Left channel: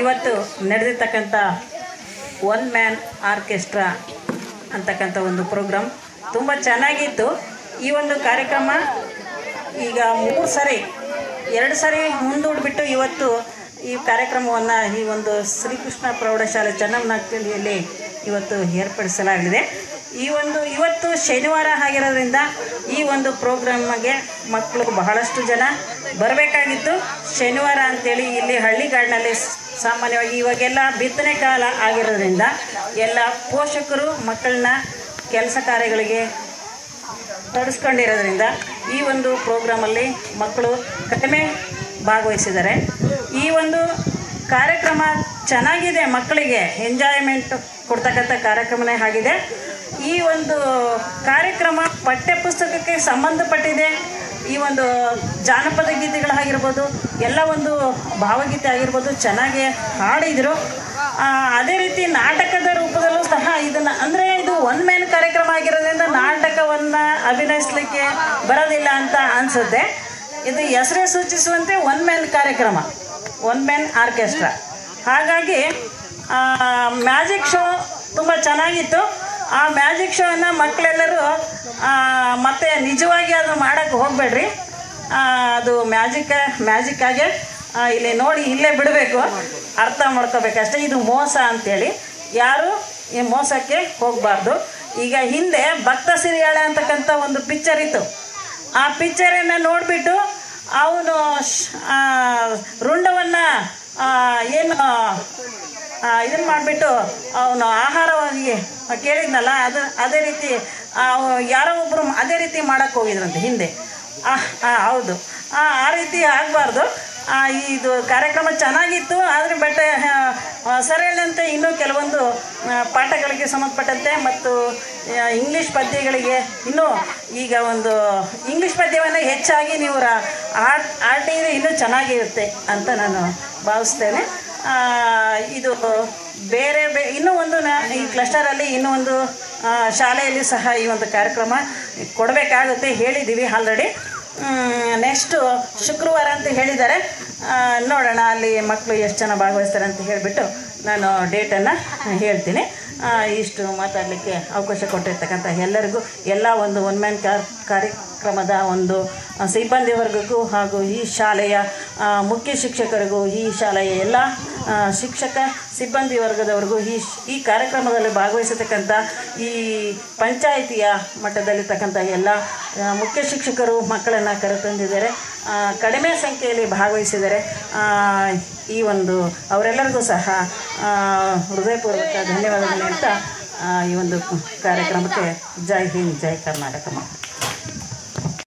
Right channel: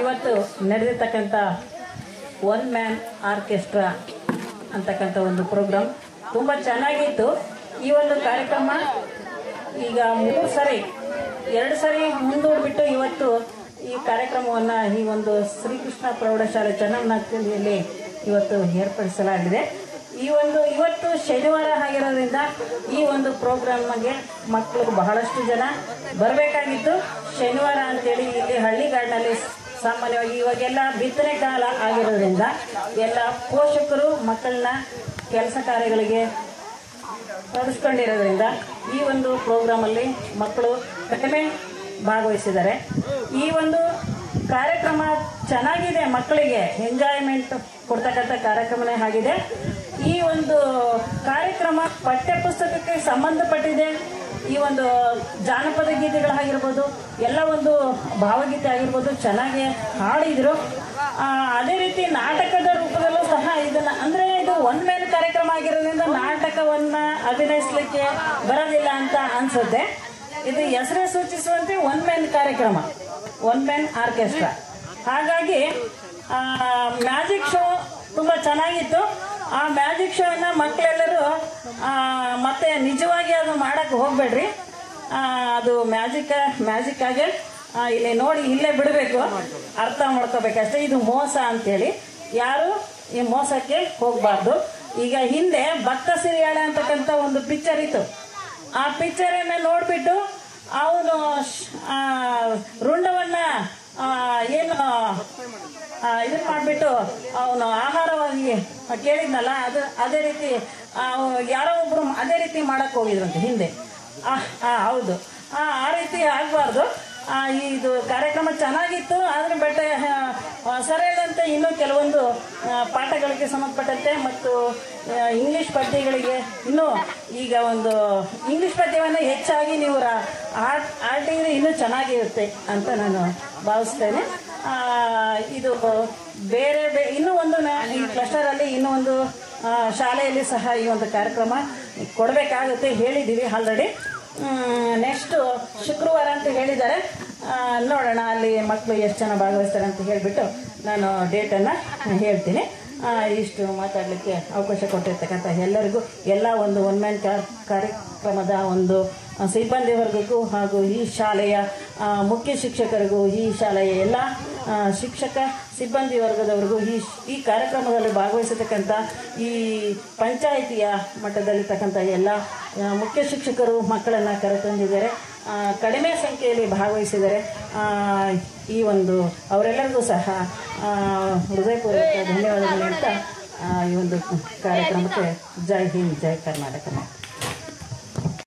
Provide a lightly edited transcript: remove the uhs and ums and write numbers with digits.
ಇವತ್ತು ನಡೆದಿರ್ತಕ್ಕಂಥ one man orchestra ಅಂತಕ್ಕಂಥ ಒಂದು ಪ್ರೋಗ್ರಾಮ್ ತುಂಬ ಚೆನ್ನಾಗಿತ್ತು. ಈ ಒಂದು ಕಾರ್ಯಕ್ರಮ ಈಗ 2 ಸರಿ ಮುಂದೂಡಿಬಿಟ್ಟು ಇವತ್ತು ಈ ಕಾರ್ಯಕ್ರಮವನ್ನು ಈ ಒಂದು ಶ್ರೀಕೃಷ್ಣ ಪ್ರೌಢಶಾಲೆ ಚನ್ನಮ್ಮನಹಳ್ಳಿಯಲ್ಲಿ ಇವತ್ತು ಏರ್ಪಡಿಸಲಾಗಿದೆ. ಇವತ್ತು ಶನಿವಾರ ಆಗಿರೋದ್ರಿಂದ ಈ ಒಂದು ಪ್ರೋಗ್ರಾಮ್ಗೆ ಮಕ್ಕಳು ಬಹಳಷ್ಟು ಜನ ಬರಬೇಕಾಗಿತ್ತು. ಶನಿವಾರ ಅಂತೇಳಿ ಇಲ್ಲಿ ಹಳ್ಳಿಗಾಡಿನಲ್ಲಿ ಸಾಮಾನ್ಯವಾಗಿ ಇವಾಗೆಲ್ಲ ಬಿತ್ತನೆ ಕಾಲ ಆಗಿರೋದ್ರಿಂದ ಎಲ್ಲ ಪೋಷಕರು ಮಕ್ಕಳನ್ನ ಕೆಲಸ ಕಾರ್ಯಗಳಿಗೆ ತೊಡಗಿಸ್ಕೊಂಡಿರೋದ್ರಿಂದ ಈ ಒಂದು ಪ್ರೋಗ್ರಾಮಲ್ಲಿ ಮಕ್ಕಳು ಕಡಿಮೆ ಭಾಗವಹಿಸಿದ್ದಾರೆ. ಈ ಒಂದು ಕಾರ್ಯಕ್ರಮ ಚೆನ್ನಾಗಿದೆ, ಮಕ್ಕಳಿಗೆ ಎಂಜಾಯ್ಮೆಂಟ್ ಕೊಡ್ತಕ್ಕಂಥ ಕಾರ್ಯಕ್ರಮನೇ ಆಗಿದೆ. ಈ ಒಂದು ಕಾರ್ಯಕ್ರಮ ಪಠ್ಯಪುಸ್ತಕಕ್ಕೆ ಸಂಬಂಧಪಟ್ಟಿದೆ. ಈ ಒಂದು ಜಾನಪದ ಗೀತೆಗಳಾಗಿರ್ಬೋದು, ಎಲ್ಲ ಒಂದು ಭಾವಗೀತೆ ಆಗಿರ್ಬೋದು ಚೆನ್ನಾಗಿ ಹಾಡಿದರು. ಅದೇ ರೀತಿ ನಾಟಕದ ರೂಪದಲ್ಲೂ ಸಹ ಇದನ್ನು, ಅಂದರೆ ಇದು ಒನ್ ಮ್ಯಾನ್ ಕಾರ್ಯಕ್ರಮ ಆಗಿರೋದ್ರಿಂದ ನಾಟಕವನ್ನು ಅಭಿನಯಿಸಲಿಕ್ಕೆ ಬರೋದಿಲ್ಲ ಅಂತ ಅನಿಸುತ್ತೆ. ಇದು ಹೆಸರೇ ಸೂಚಿಸುವಂತೆ ಒನ್ ಮ್ಯಾನ್ ಕಾರ್ಯಕ್ರಮ, ಒನ್ ಮ್ಯಾನ್ ಆರ್ಕೆಸ್ಟ್ರಾ. ಹಾಗಾಗಿ ಮ್ಯಾಜಿಕ್ ಶೋ ತುಂಬ ಚೆನ್ನಾಗಿತ್ತು. ಆ ಮ್ಯಾಜಿಕ್ ಶೋವನ್ನು ಮಕ್ಕಳೆಲ್ಲರೂ ಮತ್ತೆ ನಿಜವಾಗಿ ಅದು ಮಾಡೋಕ್ಕೆ ಹೋಗಬೇಡ್ರಿ. ಅದು ಮ್ಯಾಜಿಕ್ಕಾಗೆ ಇಲ್ಲಿ ನೋಡಿ ಇಲ್ಲೇ ಬಿಡಬೇಕು, ಅರ್ಥ ಮಾಡ್ಕೋಬೇಕಷ್ಟೇ. ಇದು ಮೋಸ ಅಂಥೇಳಿ ಯಾರು ಈ ಮೋಸಕ್ಕೆ ಹೋಗಬಾರ್ದು. ಈಗ ಹಿಂದೆ ಭಕ್ತ ಸಿರಿಯಾಳೆ ಅಂತಕ್ಕಂಥ ಒಂದು ಪಿಕ್ಚರ್ ಇತ್ತು. ಆ ಪಿಕ್ಚರನ್ನು ನೋಡಿಬಿಟ್ಟು ಅವನು ರುಂಡವನ್ನು ಇದನ್ನು ಮಾಡಿಬಿಟ್ಟು ಅವನು ಆಹಾರವಾಗಿ ಕೇಳಿದ್ನಲ್ಲ, ಅದೇ ರೀತಿ ಯಾರೋ ಒಬ್ಬರು ಅದೇ ರೀತಿ ಮಾಡೋಕ್ಕೆ ಹೋಗಿದ್ರಂತೆ ಹಿಂದೆ. ಹೌದು, ಆ ರೀತಿ ಆಗಬಾರ್ದು. ಇದು ಕಾರ್ಯಕ್ರಮ ಚೆನ್ನಾಗಿತ್ತು. ಆದರೆ ಸರಿಯಲ್ಲಂತೆ ಇನ್ನೂ ಕೆಲವೊಂದು ಪಾಠಗಳಿಗೆ ಸಂಬಂಧಪಟ್ಟಂತೆ ಮತ್ತು ಇಂಗ್ಲೀಷ್ ಪದ್ಯಗಳಿಗೆ ಇನ್ನೂ ಈಗ ಒಂದು ಇಂಗ್ಲೀಷ್ ಪದ್ಯವನ್ನು ಹೆಚ್ಚಾಗಿ ನೀವು ಆಡಿದ್ರೆ ಇನ್ನೂ ಚೆನ್ನಾಗಿರುತ್ತೆ ಅಂತ ನಾನು ಭಾವಿಸ್ತೇನೆ. ಇದು ಬೇರೆ ಇನ್ನೂ ಒಂದು ಈ ಕ್ಲಸ್ಟರಲ್ಲಿ ಇನ್ನೂ ಒಂದು ಶಾಲೆಯಲ್ಲಿ ಸಹ ಈ ಒಂದು ಕಾರ್ಯಕ್ರಮ ಕೊಡಬೇಕಾಗುತ್ತೆ, ಹೇಳಿದ್ದೀವಿ ಆಲ್ರೆಡಿ. ನೆಕ್ಸ್ಟು ಶುಕ್ರವಾರ ಅಂತ ಹೇಳಿದ್ದಾರೆ. ನೋಡೋಣ ಅಲ್ಲಿ ಮಕ್ಕಳು ಎಷ್ಟು ಜನ ಭಾಗವಹಿಸ್ತಾರೆ ಅಂತ ಹೇಳಿಬಿಟ್ಟು ನಾನು ಡೇಟನ್ನು ಹೇಳ್ತೀನಿ. ಇಷ್ಟು ಮಾತಾಡಲಿಕ್ಕೆ ಅವಕಾಶ ಕೊಟ್ಟಿರ್ತಕ್ಕಂಥ ಎಲ್ಲರಿಗೂ, ಎಲ್ಲ ಒಂದು ಒನ್ ಮ್ಯಾನ್ ಕಾರ್ಯಕ್ರಮದ ಒಂದು ಸಿಬ್ಬಂದಿ ವರ್ಗಕ್ಕೂ ಹಾಗೂ ಈ ಶಾಲೆಯ ಮುಖ್ಯ ಶಿಕ್ಷಕರಿಗೂ, ಈ ಶಾಲೆಯ ಎಲ್ಲ ಶಿಕ್ಷಕ ಸಿಬ್ಬಂದಿ ವರ್ಗದವರಿಗೂ, ಈ ಕಾರ್ಯಕ್ರಮದಲ್ಲಿ ಭಾಗವಹಿಸತಕ್ಕಂಥ ಈ ಪಂಚಾಯಿತಿಯ ಮಟ್ಟದಲ್ಲಿರ್ತಕ್ಕಂಥ ಎಲ್ಲ ಮುಖ್ಯ ಶಿಕ್ಷಕರು ಮಕ್ಕಳನ್ನು ಕರೆತಂದಿದ್ದಾರೆ. ಕಡಿಮೆ ಸಂಖ್ಯೆಯಲ್ಲಿ ಭಾಗವಹಿಸಿದ್ದಾರೆ. ಈ ಒಂದು ಅವರೆಲ್ಲರಿಗೂ ಸಹ ಹೃದಯಪೂರ್ವಕ ಧನ್ಯವಾದಗಳು ಅಂತ ಈ ಒಂದು ಕಾರ್ಯಕ್ರಮಕ್ಕೆ ಜೈ ಹಿಂದ್, ಜೈ ಕರ್ನಾಟಕ.